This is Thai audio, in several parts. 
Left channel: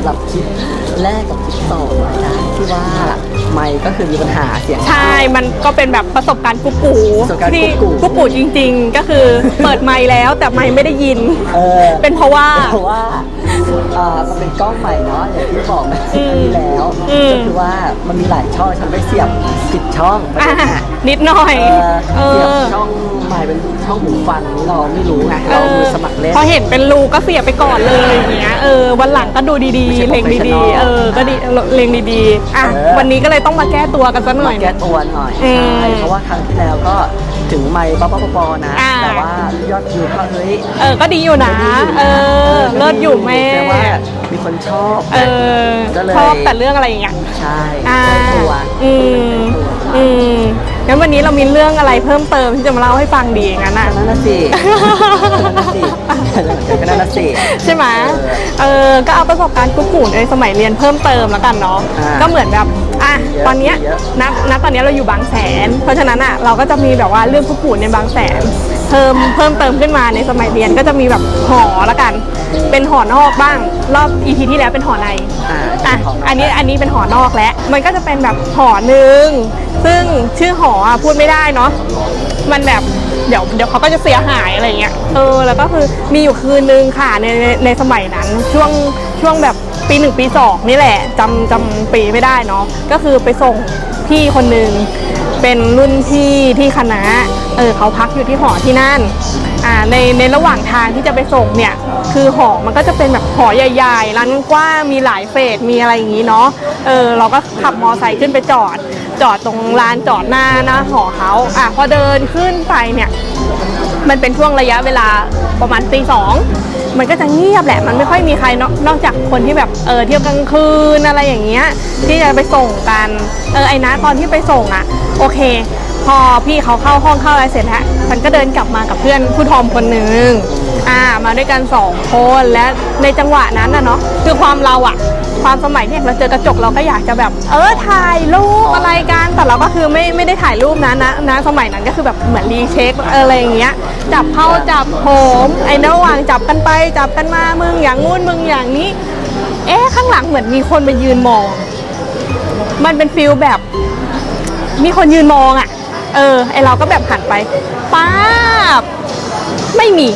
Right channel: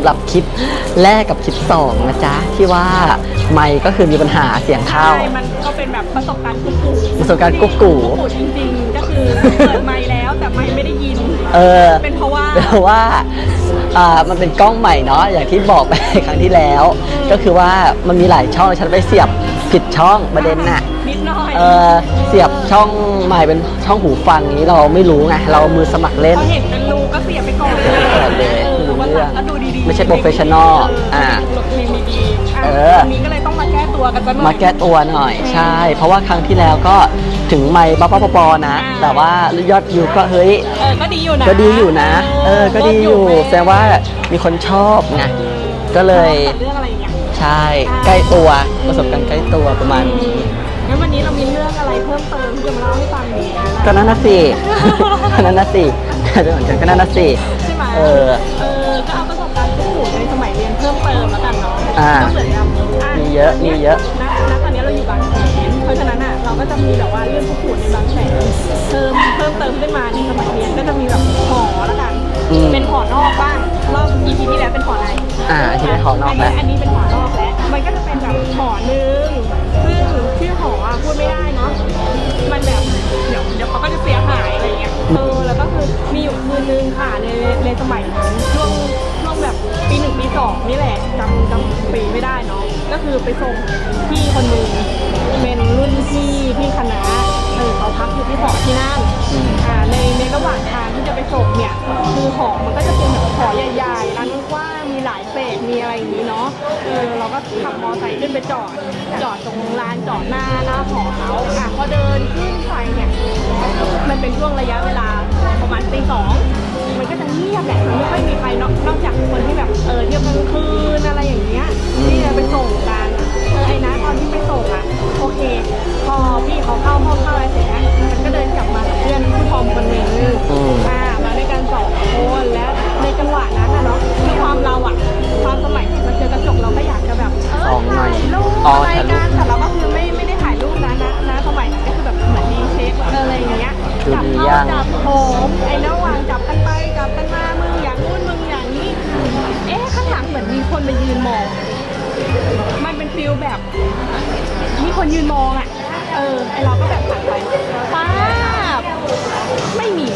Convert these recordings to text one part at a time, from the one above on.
ำหรับคลิปแรกกับคลิปสองนะจ๊ะที่ว่าไม่ก็คือมีปัญหาเสียงใช่เข้ามันก็เป็นแบบประสบการณ์กุ๊กกูประสบการณ์ที่กุ๊กกูกุ๊กกูจริง ๆ ก็คือเปิดไมค์แล้วแต่ไมค์ไม่ได้ยิน เออ เป็นเพราะว่าเพราะว่าอ่ามันเป็นกล้องใหม่เนาะอย่างที่บอกไปครั้งที่แล้ว อืม ก็คือว่ามันมีหลายช่องฉันไปเสียบผิดช่องไปอะเลยค่ะนิดหน่อยอ่าออเสียบช่องใหม่เป็นช่องหูฟังนี้เราไม่รู้ไงเรามือสมัครเล่น พอเห็นเป็นรูก็เสียบไปก่อนเลยอย่างเงี้ยเอ อวันหลังก็ดูดีไม่ใช่ๆเพลงดี professional ๆเออก็ดีอะเพลงดีๆอะเออ วันนี้ก็เลยต้องมาแก้ตัวกันสักหน่มาอย แก้ตัวหน่อยอืมใช่ เพราะว่าครั้งที่แล้วก็ถึงไม่ป้าป้าปอนะ อ่า แต่ว่ายอดวิวก็เฮ้ย เออก็ดีอยู่นะก็ดีอยู่นะเออก็เลิศดีอยู่แม่ แต่ว่า มีคนชอบ เอนะอก็เลย ชอบแต่เรื่องอะไรอย่างเงี้ย ใช่อ่าใกล้ตัวอืประสบมการณ์ใกล้ตัวประมาณอืมงั้นวันนี้เรามีเรื่องอะไรเพิ่มเติมที่จะมาเล่าให้ฟังดีงั้นน่ะ ก็นั่นน่ะสิก็นั่นน่ะสิก็นั่นน่ะสิ ใช่ไหมเออเออ ก็เอาประสบการณ์กุ๊กกูในสมัยเรียนเพิ่มเติมแล้วกันเนาะ อ่าก็เหมือนกับอะ มีเยอะตอนเนี้ยมีเยอะ ณณตอนเนี้ยเราอยู่บางแสน เพราะฉะนั้นอะ เราก็จะมีแบบว่าเรื่องกุ๊กกูในบางแสน เพิ่ม เพิ่มเติมขึ้นมาในสมัยเรียนก็จะมีแบบหอละกัน เป็นหอนอกบ้าง รอบ EP ที่แล้วเป็นหอในอ่าอะของเราอันนี้อันนี้เป็นหอนอกแล้ว มันก็จะเป็นแบบหอหนึ่งซึ่งชื่อหออะพูดไม่ได้เนาะมันแบบเดี๋ยวเดี๋ยวเขาก็จะเสียหายอะไรเงี้ยเออแล้วก็คือมีอยู่คืนนึงค่ะในในในสมัยนั้นช่วงช่วงแบบปีหนึ่งปีสองนี่แหละจำจำปีไม่ได้เนาะก็คือไปส่งพี่คนหนึ่งเป็นรุ่นพี่ที่คณะเออเขาพักอยู่ที่หอที่นั่นอ่า ในในระหว่างทางที่จะไปส่งเนี่ยคือหอมันก็จะเป็นแบบหอใหญ่ ๆ ร้านกว้างมีหลายเฟสมีอะไรอย่างนี้เนาะเออเราก็ขับมอไซค์ขึ้นไปจอด จอดตรงลานจอดหน้าหน้าหอเขาอะพอเดินขึ้นไปเนี่ยมันเป็นช่วงระยะเวลาประมาณตีสองมันก็จะเงียบแหละ มันไม่ค่อยมีใครนอกนอกจากคนที่แบบเออเที่ยวกลางคืนอะไรอย่างเงี้ยที่จะไปส่งกัน เออไอ้นะตอนที่ไปส่งอะ โอเค พอพี่เขาเข้าห้องเข้าอะไรเสร็จแล้วฉันก็เดินกลับมากับเพื่อนผู้ทอมคนหนึ่งอ่ามาด้วยกันสองคนและในจังหวะนั้นนะเนาะคือความเราอะความสมัยเนี่ยเราเจอกระจกเราก็อยากจะแบบ เออถ่ายรูปอะไรกันแต่เราก็คือไม่ไม่ได้ถ่ายรูปนะนะนะสมัยนั้นก็คือแบบเหมือนรีเช็คอะไรอย่างเงี้ยจับเข้าจับโผมไอ้ระหว่างจับกันไปจับกันมามึงอย่างงู้นมึงอย่างนี้ เอ๊ะข้างหลังเหมือนมีคนมายืนมอง มันเป็นฟิลแบบ มีคนยืนมองอะ เออไอเราก็แบบหันไปป๊าบไม่มี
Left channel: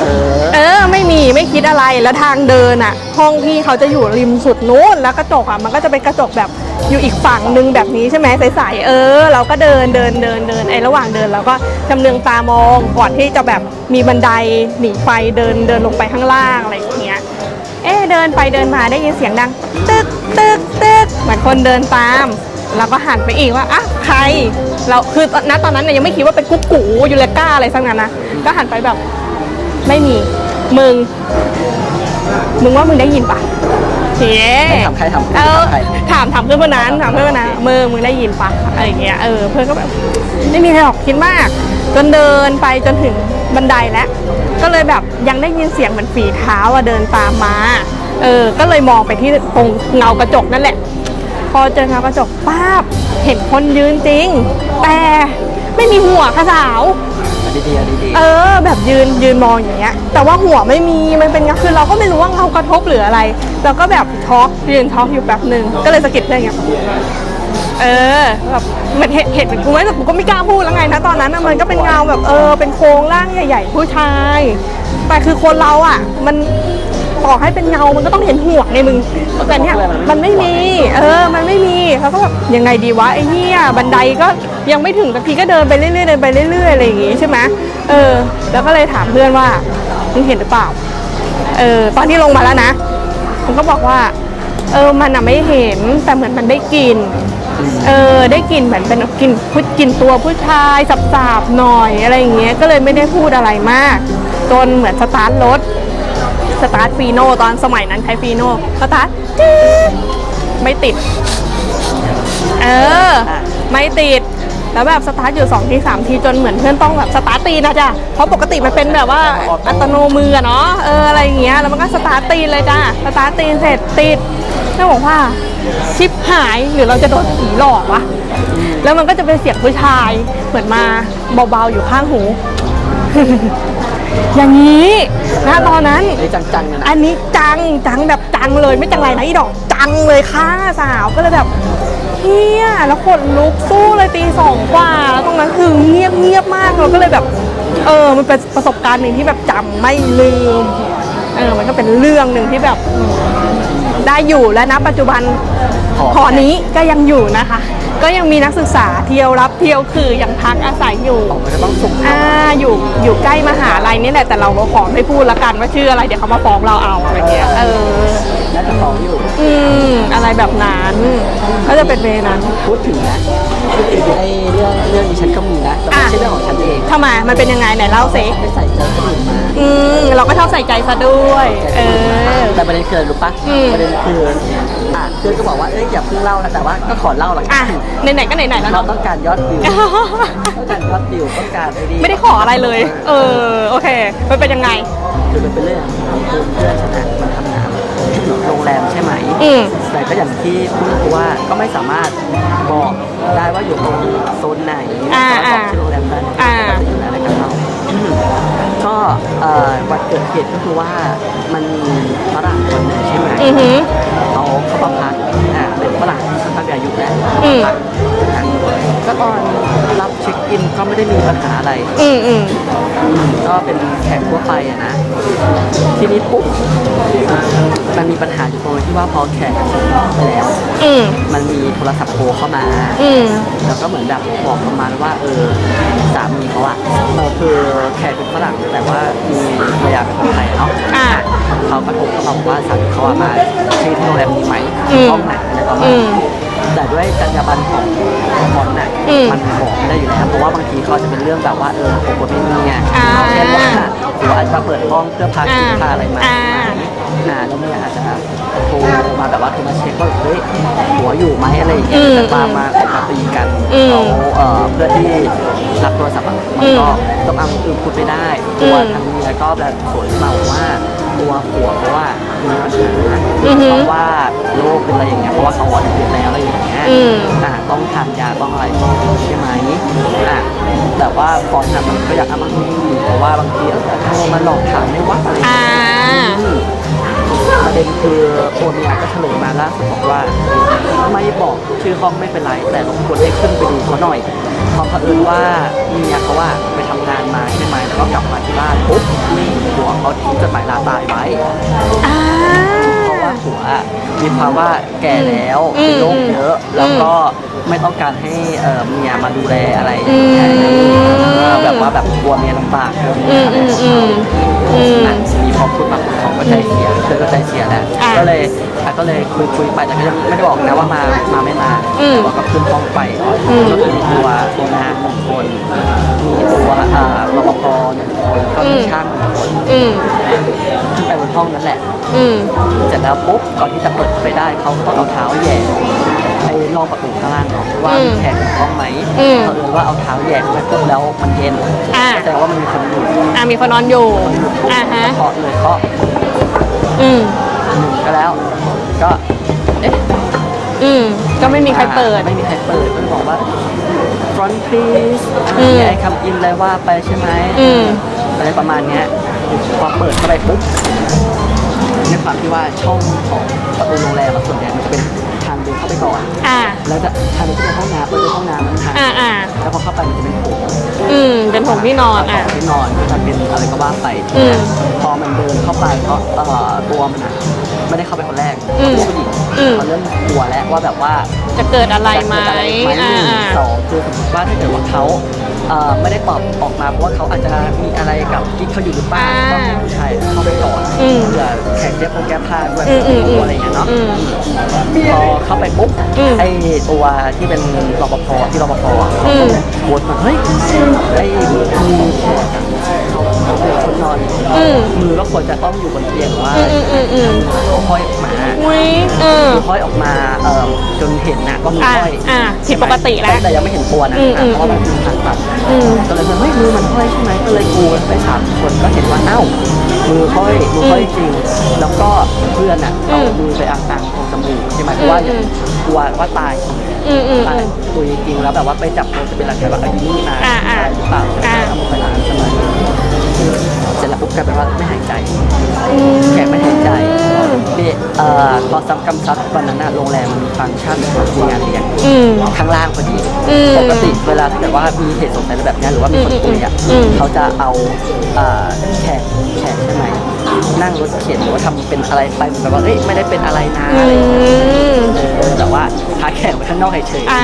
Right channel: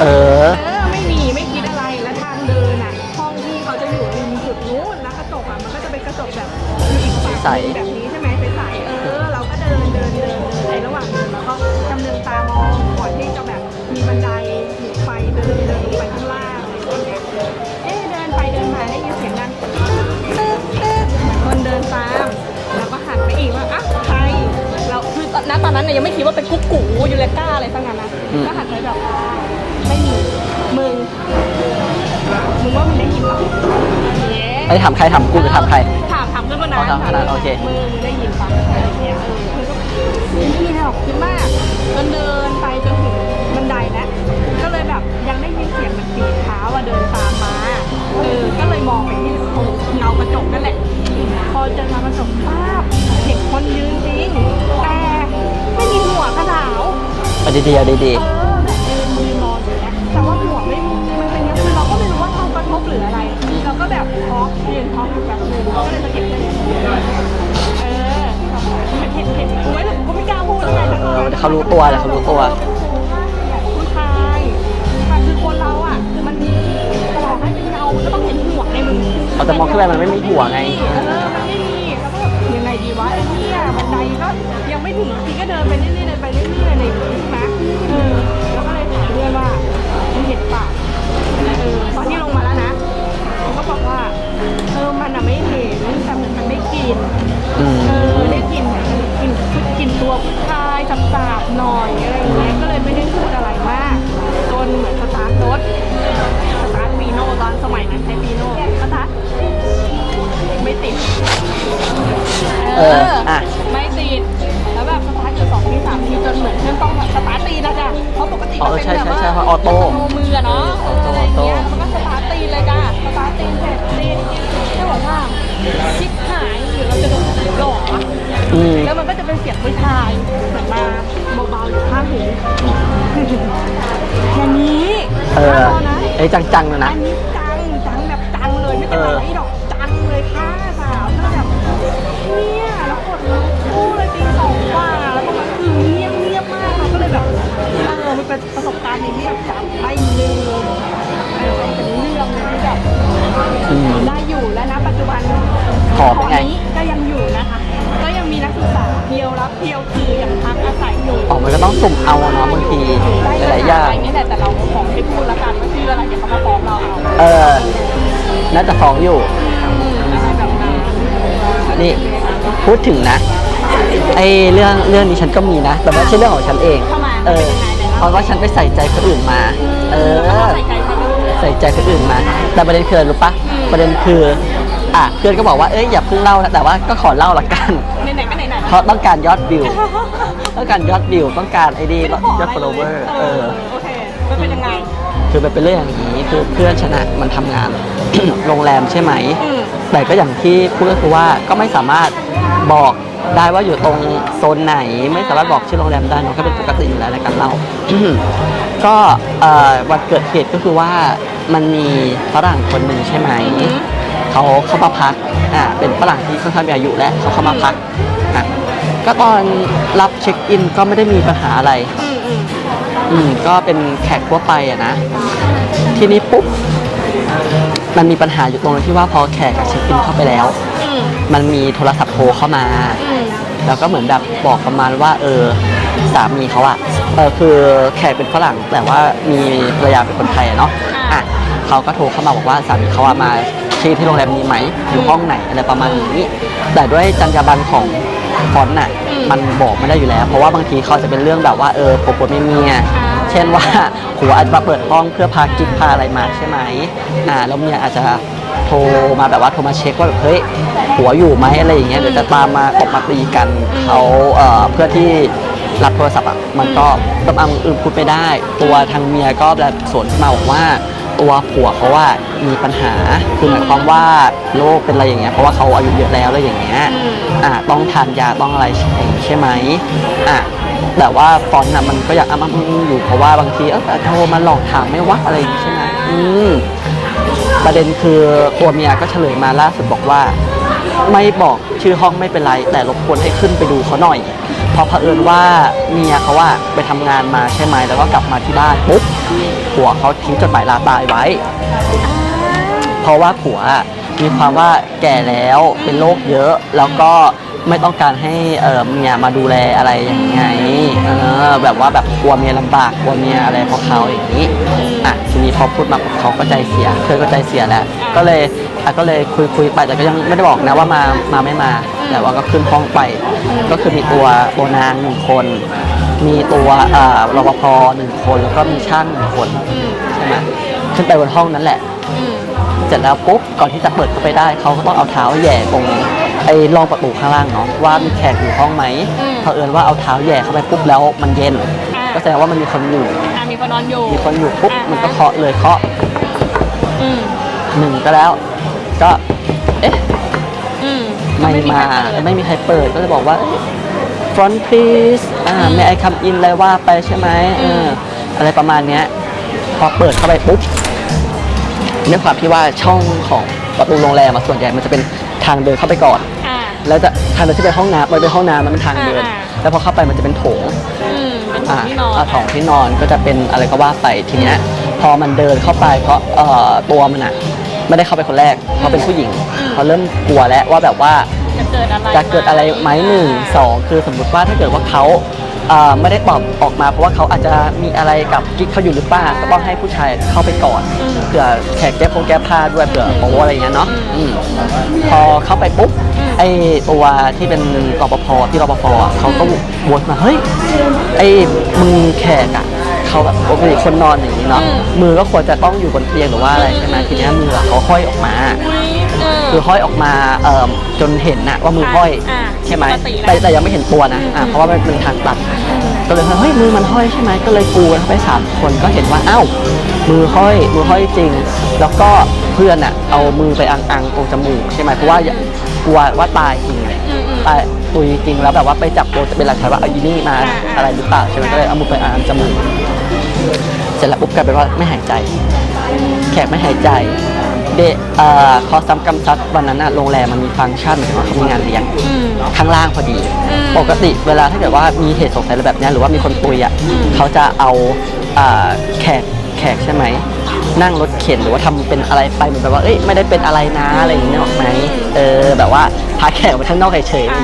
เออเออไม่มีไม่คิดอะไรแล้วทางเดินอะห้องพี่เขาจะอยู่ริมสุดนู้นแล้วกระจกอะมันก็จะเป็นกระจกแบบอยู่อีกฝั่งหนึ่งแบบนี้ใช่ไหมใสๆเออ เราก็เดินเดินเดินเดินไอ้ระหว่างเดินเราก็จำเนืองตามองก่อนที่จะแบบมีบันไดหนีไฟเดินเดินลงไปข้างล่างอะไรอย่างเงี้ย เอ๊ะเดินไปเดินมาได้ยินเสียงดังตึกตึกตึกเหมือนคนเดินตาม เราก็หันไปอีกว่าอะใคร เราคือณตอนนั้นเนี่ยยังไม่คิดว่าเป็นกุ๊กกูยูเลก้าอะไรสักนั้นนะก็หันไปแบบไม่มีมึง มึงว่ามึงได้ยินปะเย้ให้ถามใครถามคุณเออถามใครถามถามเพื่อนคนนั้นถามเพื่อนคนนั้นโอเคมึงมึงได้ยินปะอะไรอย่างเงี้ยเออเพื่อนก็แบบไม่มีอะไรหรอกคิดมากจนเดินไปจนถึงบันไดแล้วก็เลยแบบยังได้ยินเสียงเหมือนฝีเท้าอะเดินตามมาเออก็เลยมองไปที่ตรงเงากระจกนั่นแหละพ อเจอเงากระจกป้าบเห็นคนยืนจริง แต่ไม่มีหัวค่ะสาว เอาดีๆเอาดีเออ แบบยืนยืนมองอย่างเงี้ย แต่ว่าหัวไม่มีมันเป็นก็คือเราก็ไม่รู้ว่าเขากระทบหรืออะไรเราก็แบบช็อกยืนช็อกอยู่แป๊บหนึ่งก็เลยสะกิดเพื่อนอย่างเงี้ยเออแบบเหมือนเห็นเห็นเป็นกูไหมแต่กูก็ไม่กล้าพูดแล้วไงนะตอนนั้นน่ะมันก็เป็นเงาแบบเออเป็นโครงร่างใหญ่ ๆ ผู้ชาย แต่คือคนเราอะ มันต่อให้เป็นเงา มันก็ต้องเห็นหัวไงมึง แต่เนี่ยมันไม่มี เออ มันไม่มีเขาก็แบบยังไงดีวะไอ้เนี่ยบันไดก็ยังไม่ถึงสักทีก็เดินไปเรื่อยๆเดินไปเรื่อยๆอะไรอย่างงี้ใช่ไหมเออ แล้วก็เลยถามเพื่อนว่ามึงเห็นหรือเปล่า เออ ตอนที่ลงมาแล้วนะผมก็บอกว่า เออ มันอะไม่เห็น แต่เหมือนมันได้กลิ่นๆอืมเออ ได้กลิ่นเหมือนเป็นกลิ่นพุดกลิ่นตัวผู้ชายสับๆหน่อยอะไรอย่างเงี้ย ก็เลยไม่ได้พูดอะไรมาก จนเหมือนสตาร์ทรถ สตาร์ทฟีโน่ตอนสมัยนั้นใช้ฟีโน่สตาร์ทจี๊ดไม่ติด เอออะไม่ติด แล้วแบบสตาร์ทอยู่2ที3ทีจนเหมือนเพื่อนต้องแบบสตาร์ทตีนนะจ้ะเพราะปกติมันเป็นแบบว่าใช่ใช่ใช่อัตโนมืออะเนาะ เอออะไรอย่างเงี้ย แล้วมันก็สตาร์ทตีนเลยจ้ะ สตาร์ทตีนเสร็จติด แม่บอกว่าชิปหายหรือเราจะโดนผีหลอกวะอืมแล้วมันก็จะเป็นเสียงผู้ชายเหมือนมาเบาๆอยู่ข้างหู อย่างนี้ณตอนนั้นไอ้จังๆเลยนะอันนี้จังจังแบบจังเลยไม่จังไรนะอีดอก จังเลยค่ะสาวก็เลยแบบเฮียแล้วขนลุกสู้เลยตีสองกว่าแล้วตรงนั้นคือเงียบเงียบมากเราก็เลยแบบ เออมันเป็นประสบการณ์หนึ่งที่แบบจำไม่ลืมเอมันก็เป็นเรื่องหนึ่งที่แบบได้อยู่และณปัจจุบันหอนี้ก็ยังอยู่นะคะ ก็ยังมีนักศึกษาเที่ยวรับเที่ยวคือยังพักอาศัยอยู่อ๋อมันก็ต้องสุ่มเอาอ่าเอาอยู่ทีอยู่ใกล้มหาลัยนี่แหละ แต่เราขอไม่พูดละกันว่าชื่ออะไร เดี๋ยวเขามาฟ้องเราเอาเออเออ น่าจะฟ้องอยู่ อืม อะไรแบบนั้นก็จะเป็นเวนั้น พูดถึงนะไอ้เรื่องเรื่องนี้ฉันก็มีนะแต่ไม่อะใช่เรื่องของฉันเองทำไมมันเป็นยังไงไหนเพเล่าราะสิ ว่าฉันไปใส่ใจคนอื่นมาอืมเราก็ชอบใส่ใจซะด้วย ใส่ใจคนอื่นมาเออแต่ประเด็นคืออะไรรู้ปะอืม ประเด็นคือ อะเพื่อนก็บอกว่าเอ้ยอย่าเพิ่งเล่านะแต่ว่าก็ขอเล่าละกัอะนไหนๆก็ไหนๆเพแล้วราะต้องการยอดวิว ต้องการยอดวิวต้องการไอ้ดีไม่ได้ขออะไรเลย เออ โอเค มันเป็นยังไง คือมันเป็นเรื่องอย่างนี้คือเพื่อนฉันอะมันทำงาน โรงแรมใช่ไหม อืม แต่ก็อย่างที่พูดก็คือว่าก็ไม่สามารถบอกได้ว่าอยู่ตรงโซนไหนไม่สามารถบอกชื่อโรงแรมได้เนอะอ่า ปกติอยู่แล้วในการเล่าอืมก็เอ่อวันเกิดเหตุก็คือว่ามันมีฝรั่งคนหนึ่งใช่ไหม อือหือ เขาเข้ามาพักอ่าเป็นฝรั่งที่ค่อนข้างมีอายุแล้วเขามาพักครับก็ตอนรับเช็คอินก็ไม่ได้มีปัญหาอะไร อืมอืมอืมก็เป็นแขกทั่วไปอะนะ ทีนี้ปุ๊บมันมีปัญหาอยู่ตรงที่ว่าพอแขกเช็คอินเข้าไปแล้ว อืมมันมีโทรศัพท์โทรเข้ามา อืมแล้วก็เหมือนแบบบอกประมาณว่า เออสามีเขาอะเออคือแขกเป็นฝรั่งแต่ว่ามีภรรยาเป็นคนไทยอะเนาะอ่าอะ เขาก็โทรเข้ามาบอกว่าสามีเขาอะมาที่ที่โรงแรมนี้ไหมอืมห้องไหนอะไรประมาณอืนี้มแต่ด้วยจรรยาบรรณของบอลน่ะอืมมันบอกไม่ได้อยู่แล้วเพราะว่าบางทีเขาจะเป็นเรื่องแบบว่าเออผมคนไม่มีไงอ่าเช่นว่าผัวอาจจะมาเปิดห้องเพื่อพากิ๊กอ่าพาอะไรมาใช่ไหม อ่าแล้วเมียอาจจะโทรมาแบบว่าโทรมาเช็คว่าเฮ้ยผัวอยู่ไหมอะไรอย่างเงี้ยอืมจะตามมาขอมาตีกันอืมเขาเอ่อเพื่อที่รับโทรศัพท์อะมันก็ต้องเอาอือพูดไม่ได้ตัวอืมทางเมียก็แบบสวนมาบอกว่า ตัวผัวเขาว่ามีปัญหาอือฮึเพราะว่าโรคเป็นอะไรอย่างเงี้ยเพราะว่าเขาอายุเยอะแล้วอะไรอย่างเงี้ยอืม อ่าต้องทานยาต้องอะไรใช่ไหมอะแต่ว่าฟอนต์น่ะมันก็อยากอ้ามาอยู่เพราะว่าบางทีเอ้าแต่ทำไมมันหลอกถามไม่ว่าอะไรอย่างอ่าเงี้ย อืม ประเด็นคือตัวเมียก็เฉลยมาล่าสุดบอกว่า ไม่บอกชื่อห้องไม่เป็นไร แต่รบกวนให้ขึ้นไปดูเขาหน่อยเพราะเผอิญว่าเมียเขาว่าไปทำงานมาใช่ไหมแล้วก็กลับมาที่บ้านปุ๊บผัวเขาทิ้งจดหมายลาตายไว้ เพราะว่าผัว มีความว่าแก่แล้วอืมเป็นโรคเยอะ แล้วก็ไม่ต้องการให้เอ่อเมียมาดูแลอะไรอย่างเงี้ยอืมเออแบบว่าแบบกลัวเมียลำบากกลัวเมียอะไรของเขาอย่างนี้อืมอะทีนี้พอพูดมาเขาก็ใจเสียเธอก็ใจเสียแล้วอะก็เลยอะก็เลยคุยคุยไปแต่ก็ยังไม่ได้บอกนะว่ามามาไม่มาอืมแต่ว่าก็ขึ้นห้องไปอืมก็คือมีตัวโอนานหนึ่งคน มีตัวอ่ารปภหนึ่งคนแล้วก็มีช่างหนึ่งคนอืมขึ้นไปบนห้องนั้นแหละ อืม เสร็จแล้วปุ๊บก่อนที่จะเปิดเข้าไปได้เขาก็ต้องเอาเท้าแหย่ตรงไอ้รองประตูข้างล่างเนาะว่ามีแขกอยู่ห้องไหมอืม เขาเอิญว่าเอาเท้าแหย่เข้าไปปุ๊บแล้วมันเย็นอ่าก็แสดงว่ามันมีคนอยู่อ่ามีคนนอนอยู่คนอยู่ปุ๊บอ่าฮะก็เคาะเลยเคาะอืม หนึ่งก็แล้ว ก็เอ๊ะอืม ก็ไม่มีใครเปิด ไม่มีใครเปิดก็เลยบอกว่า front please อ่าอืมไอ้คำอินเลยว่าไปใช่ไหมอืม อะไรประมาณเนี้ยพอเปิดเข้าไปปุ๊บ ด้วยความที่ว่าช่องของประตูโรงแรมอะส่วนใหญ่มันจะเป็นทางเดินเข้าไปก่อน อ่า แล้วจะทางเดินที่เป็นห้องน้ำไปเป็นห้องน้ำมันเป็นทางอ่าอ่าแล้วพอเข้าไปมันจะเป็นโถงอืม เป็นผมที่นอนขอะองที่นอนก็จะเป็นอะไรก็ว่าไปทีเนี้ยอืมพอมันเดินเข้าไปก็เอ่อตัวมันอะไม่ได้เข้าไปคนแรกเขาเป็นผู้หญิงอืม เขาเริ่มกลัวแล้วว่าแบบว่า จะเกิดอะไรจะเกิดอะไรไหมหนึ่งสองคือสมมติว่าถ้าเกิดว่าเขาเอ่อไม่ได้ตอบออกมาเพราะว่าเขาอาจจะมีอะไรกับกิ๊กเขาอยู่หรือเปล่าก็ต้องให้ผู้ชายเข้าไปก่อนอืมเผื่อ แขกแก้พงแก้ผ้าด้วยเผื่ออืมโอ้อะไรอย่างเงี้ยเนาะอืมอืมพอเข้าไปปุ๊บอืมไอ้ตัวที่เป็นรปภที่รปภอะเขาก็อืมวนมาเฮ้ยไอ้มึงแขกอะเขเขาแบบปกติคนนอนอย่างนี้เนาะอืมมือก็ควรจะต้องอยู่บนเตียงหรือว่าอะไรอืมใช่ไหมอืมทีเนี้ยมือเขาห้อยออกมาอุ้ยเออมือห้อยออกมาเอ่อจนเห็นน่ะว่ามือห้อยอ่าอ่าใช่ไหมผิดปกติแล้วแต่แต่ยังไม่เห็นตัวนะอืมอะเพราะว่ามันเป็นทาง ตัดอืมก็เลยเฮ้ยมือมันห้อยใช่ไหมก็เลยกลัวไปสามคนก็เห็นว่าเอ้ามือห้อยมือห้อยจริง แล้วก็เพื่อนอะเอามือไปอังอังตรงจมูกใช่ไหมเพราะว่าอืมกลัวว่าตายจริงเลยอืมอืมตายตุยจริงแล้วแบบว่าไปจับตัวจะเป็นหลักฐานว่าอายุนี่มาอ่าอ่าอะไรหรือเปล่าใช่ไหมก็เลยเอามือไปอังจมูก เสร็จแล้วปุ๊บกลายเป็นว่าไม่หายใจ แขกไม่หายใจเด็กเอ่อขอซ้ำกำซัดวันนั้นน่ะโรงแรมมันมีฟังก์ชันมีงานเลี้ยงอืม ข้างล่างพอดี อืมปกติเวลาถ้าเกิดว่ามีเหตุสงสัยอะไรแบบเนี้ยหรือว่ามีคนคุยอะอืม เขาจะเอาอ่าแขกแขกใช่ไหม นั่งรถเข็นหรือว่าทำเป็นอะไรไปแบบว่าเอ้ยไม่ได้เป็นอะไรนะอะไรอย่างเงี้ยหรอกไหมเออแบบว่าพาแขกไปข้างนอกเฉยๆอ่า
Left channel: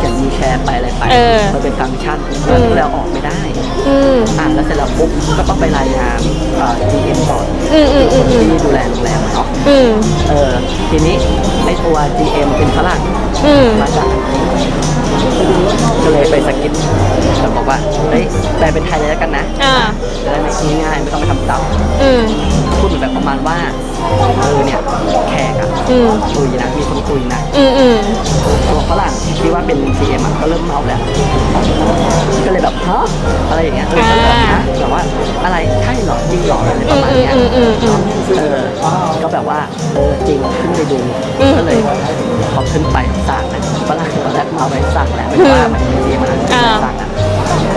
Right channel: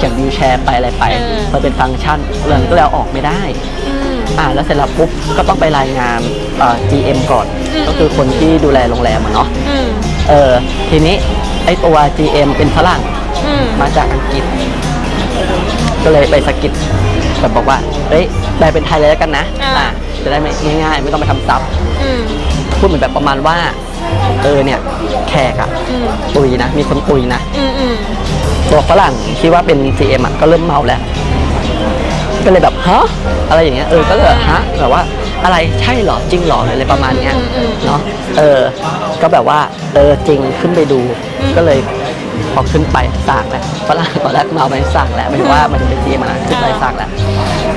เข็นวีลแชร์ไปอะไรไป เออมันเป็นฟังก์ชันอืมก็เลยเอาออกไม่ได้ อืม อ่าแล้วเสร็จแล้วปุ๊บก็ต้องไปรายงานเอ่อ GM ก่อนอืมก็คือคนที่ดูแลโรงแรมอะเนาะอืมเออทีนี้ไอตัว GM เป็นฝรั่ง อืม มาจากอังกฤษก็เลยไปสะกิดแบบบอกว่าเอ้ยนายเป็นไทยเลยแล้วกันนะอ่าอะจะได้ไม่ง่ายๆ ไม่ต้องไปทำซับอืม พูดเหมือนแบบประมาณว่า เออเนี่ยแขกอะอืม คุยนะมีคนคุยนะอืมอืมตัวฝรั่งที่คิดว่าเป็น CM อะก็เริ่มเมาแล้วก็เลยแบบฮะอะไรอย่างเงี้ยเออก็แบบฮะแบบว่าอะไรใช่เหรอจริงเหรออะไรประมาณเนี้ยอืมอืมอืมเนาะเออ ก็แบบว่าเออจริงขึ้นไปดูอืมก็เลยพอขึ้นไปสั่งแหละฝรั่งตอนแรกเมาไปสั่งแหละเพราะว่ามันเป็น CM อะนะสั่งแหละ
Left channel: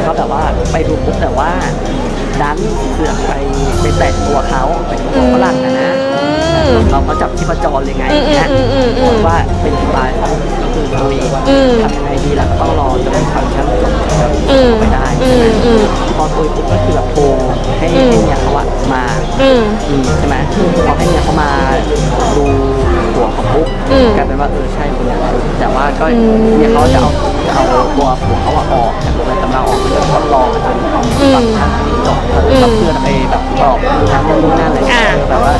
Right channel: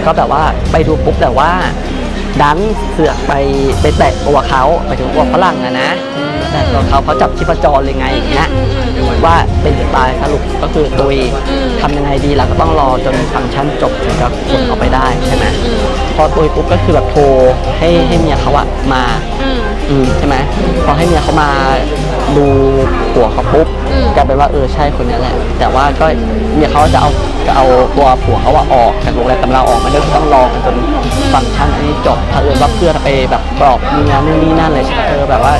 ก็แบบว่าไปดูปุ๊บแต่ว่าดันเสือกไปไปแตะตัวเขาไปถึงตัวฝรั่งนะนะอืมเขาก็จับชีพจรเลยไงอืมนะอืมอืมอืมว่าเป็นตายสรุปก็คือตัวเองอืมทำยังไงดีล่ะก็ต้องรอจนฟังก์ชันจบแล้วอืมออกไปได้อืใช่ไหมมอืมพอตัวปุ๊บก็คือแบบโทรให้อืมให้เมียเขาอะมาอืมอืมใช่ไหมพอให้เมียเขามาดูหัวเขาปุ๊บอืมกลายเป็นว่าเออใช่คนนี้แหละแต่ว่าก็อืมเมียเขาจะเอาจะ เอาตัวผัวเขาอะออกจากโรงแรมตำราออกไปแล้วต้องรอจนฟังก์ชันให้จบถ้าเกิดว่าเพื่อไปแบบบอกมือทำนู่นนี่นั่นเลยแบบว่า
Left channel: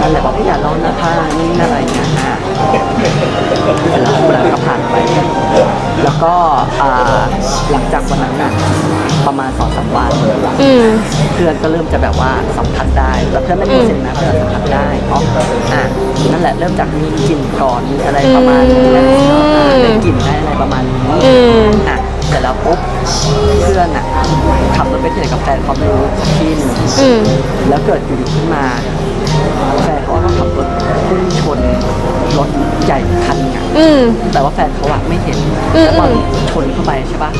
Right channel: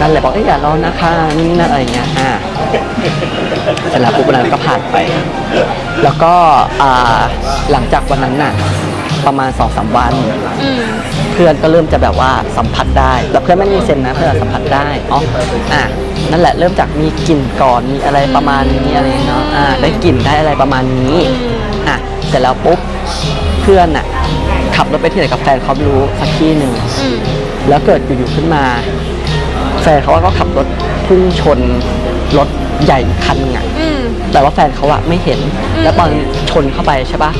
นั่นแหละบอกให้อย่าร้อนนะคะนี่นั่นอะไรอย่างเงี้ยอ่แล้วปุ๊บแล้วก็ผ่านไป แล้วก็หลังจากวันนั้นน่ะ ประมาณสองสามวัน อืม เพื่อนก็เริ่มจะแบบว่าสัมผัสได้แล้วเพื่อนไม่มีเซนนะเพื่อนสัมผัสได้เนาะอะนั่นแหละเริ่มจากมีกลิ่นก่อนมีอะไรประมาณนี้อะไรเนาะอ่าได้กลิ่นได้อะไรประมาณนี้อืม อะเสร็จแล้วปุ๊บเพื่อนอะขับรถไปที่ไหนกับแฟนเขาไม่รู้สักที่หนึ่ง อืม แล้วเกิดอยู่ๆขึ้นมา แฟนเขาว่าเขาขับรถพุ่งชนรถใหญ่คันหนึงอะอืม แต่ว่าแฟนเขาอะไม่เห็น อืมแล้วตอนชนเข้าไปใช่ปะ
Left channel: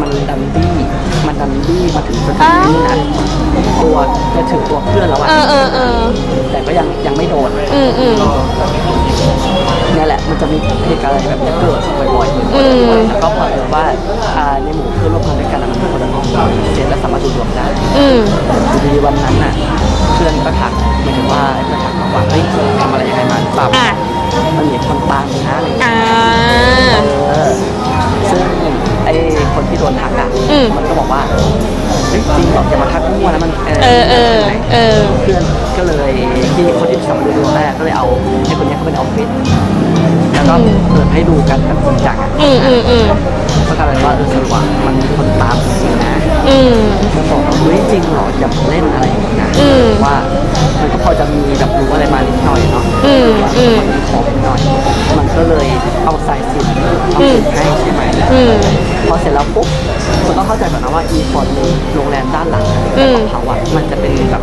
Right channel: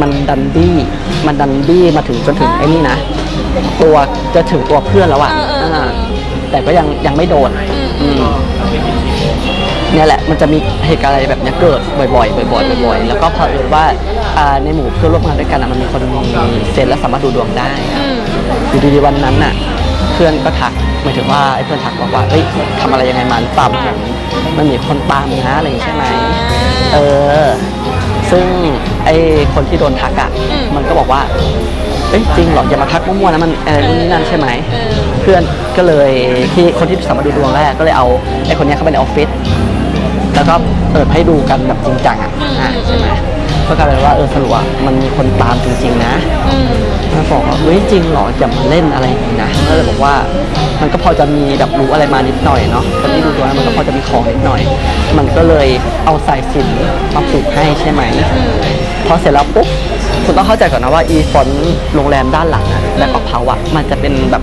มันดันดี้มันดันดี้มาถึงจนถึงไอ้นี่นะตัวจะถึงตัวเพื่อนแล้วอะเออเออเออ แต่ก็ยังยังไม่โดน อืมอืม เนี่ยแหละมันจะมีเหตุการณ์อะไรแบบเนี้ยเกิดบ่อยๆบ่อยๆบ่อยๆแล้วก็พอดีว่าอ่าในหมู่เพื่อนร่วมงานด้วยกันอะมันมีคนเซนและสามารถดูดวงได้อืมอยู่ดีๆวันนั้นน่ะ เพื่อนก็ทักหมายถึงว่าเพื่อนทักบอกว่าเฮ้ยทำอะไรยังไงมาหรือเปล่าอะ มันมีคนตามเลยนะอะไรอย่างเงี้อ่า ย เออซึ่งไอ้คนที่โดนทักอะ อืม มันก็บอกว่า เอ้ยจริงเหรออย่ามาทักมั่วนะมันเอเอออเออใช่ไหมเออ เพื่อนก็เลยที่คนที่สมัครคนแรกก็เลยเอาไอ้คนเนี้ยเข้าไปในออฟฟิศแล้ว ก็เปิดให้ดูกันแบบจริงจังอะอืมอืมอืมก็กลายเป็นว่าเออสรุปว่ามันมีคนตามจริงๆนะอืม แล้วบอกว่าเฮ้ยจริงเหรออย่ามาเล่นอะไรอย่างนี้นะอืมว่ามันก็พอจะมีแบบรู้อะไรมานิดหน่อยเนาะอืมมันก็พอจะมีของนิดหน่อย มันก็เลยเอาสายสิญจนทำสินให้ใช่ไหม อืม พอเสร็จแล้วปุ๊บคุณต้องเข้าใจก่อนนะว่าอีฟอนโรงแรมด้านหลังอะอืมของเขาอะมันจะเป็นแบบ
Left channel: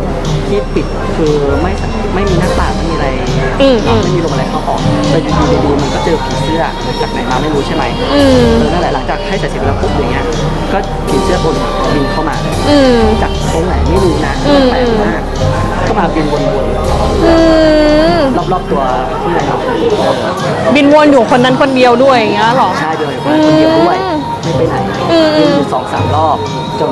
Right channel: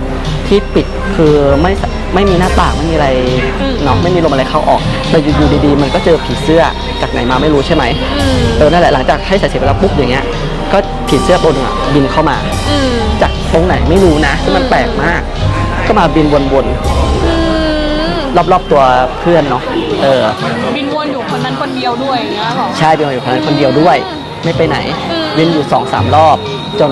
ที่ปิดคือไม่สไม่มีหน้าต่างไม่มีอะไรอืม เนาะไม่มีลมอะไรเข้าออกแต่อยู่ดีๆมันก็เจอผีเสื้อจากไหนมาไม่รู้ใช่ไหมอืม เออนั่นแหละหลังจากให้สายสิญจนแล้วปุ๊บอย่างเงี้ยก็ผีเสื้อบนอะบินเข้ามา อืม จากตรงไหนไม่รู้นะอืม มันแปลกมาก ก็มาบินวนอืม ๆรอบๆตัวเพื่อนเนาะเออบินวนอยู่คนนั้นคนเดียวด้วยอย่างเงี้ยเหรอ ใช่เดียวอยู่คนเดียวด้วย ไม่ไปไหนอืมบินอยู่สองสามรอบ จน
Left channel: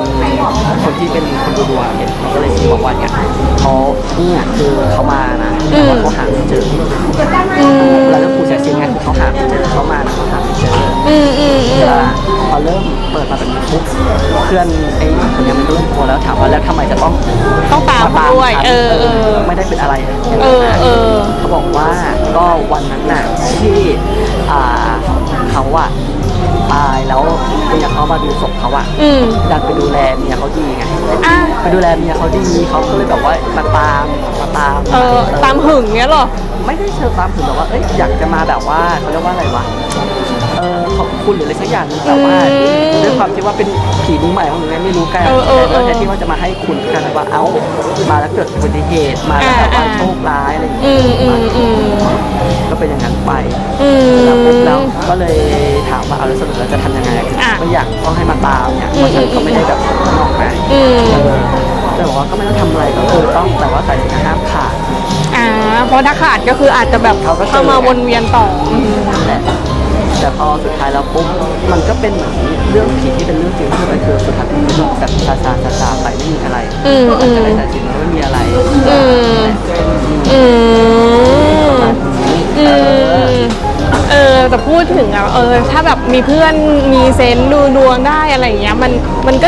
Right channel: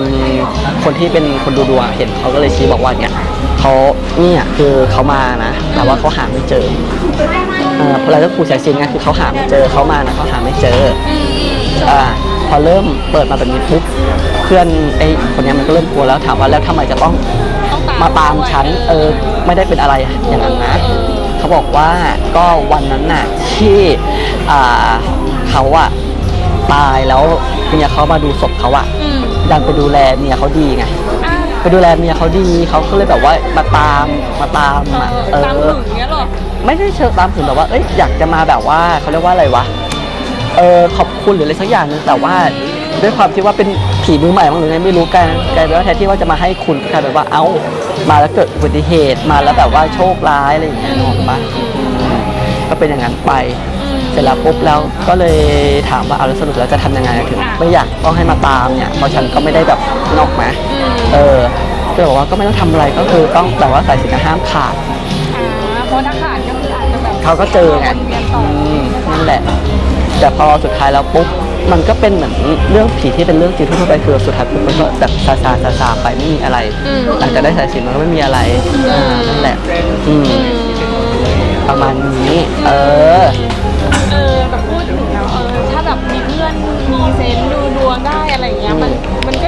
คนที่เป็นคนดูดวงเห็นเขาก็เลยชี้บอกว่าเนี่ยเขาเนี่ยคือเขามานะแต่ว่าเขาหาไม่เจออืมเออแล้วครูสายซิงไงคือเขาหาไม่เจอเขามาแล้วเขาหาไม่เจอ อืมอืมอืม อ่าพอเริ่มเปิดมาเป็นปุ๊บเพื่อนไอ้คนเนี้ยมันก็เริ่มกลัวแล้วถามว่าแล้วทำไมจะต้องต้องตามมาตามด้วยฉันเออเอเอออไม่ได้เป็นอะไรอย่างเอนั้นอนะเออ เขาบอกว่าก็วันนั้นน่ะที่อ่าเขาอะไป ตายแล้วเมียเขามาดูศพเขาอะอืมอยากไปดูแลเมียเขาดีไงอะไปดูแลเมียเขาดีเขาก็เลยแบบว่ามาตามมาตามเออตามหึงเนี้ยเหรอ ไม่ได้เชิงตามถึงแต่ว่าเอ้ยอยากจะมาแบบว่าเขาเรียกว่าอะไรวะเออขอบคุณหรืออะไรสักอย่างหนึงแต่ว่าอืมด้วยความที่ว่าเป็นผีมือใหม่ของหนูเนี่ยไม่รู้กันเออเออแล้วแทนที่ว่าจะมาให้คุณเขาเลยว่าเอ้ามาแล้วเกิดอุบัติเหตุมาแล้วแบบว่าอ่าโชคร้ายอะไรอย่างเงี้อืยมอืมามอืมก็ เป็นอย่างนั้นไปอืม เสร็จแล้วปุ๊บแล้วก็เลยถามว่าเอาแล้วสรุปแล้วจะทำยังไงอะ ไม่อยากก็ให้มาตามเนี่ยเพราะฉันก็ไม่ได้แบบนอกไหมอืมเออก็บอกว่าก็ไม่ต้องทำอะไรก็คือต้องแต่ว่าใส่จะห้ามขาด อ่าเพราะถ้าขาดก็คืออาจจะแบบเขาก็เจอ มาวนเวียนต่อแต่แต่พอสุดท้ายแล้วปุ๊บมันก็เป็นเหมือนเรื่องผีที่เป็นเรื่องจริงที่ไปคือสุดท้ายมันก็แบบซาซาซาซาไปไม่มีอะไรอืมอาจจะได้สายสิญจนมันไม่มีอะไรอืม นั่นแหละอืมอืมประมาณนี้ อืเออมเออแต่พูดถึงอะเออ ถ้าแบบมีเพื่อนมีเซนส์ดูดวงได้อะไรอย่างเงี้ยมันมันก็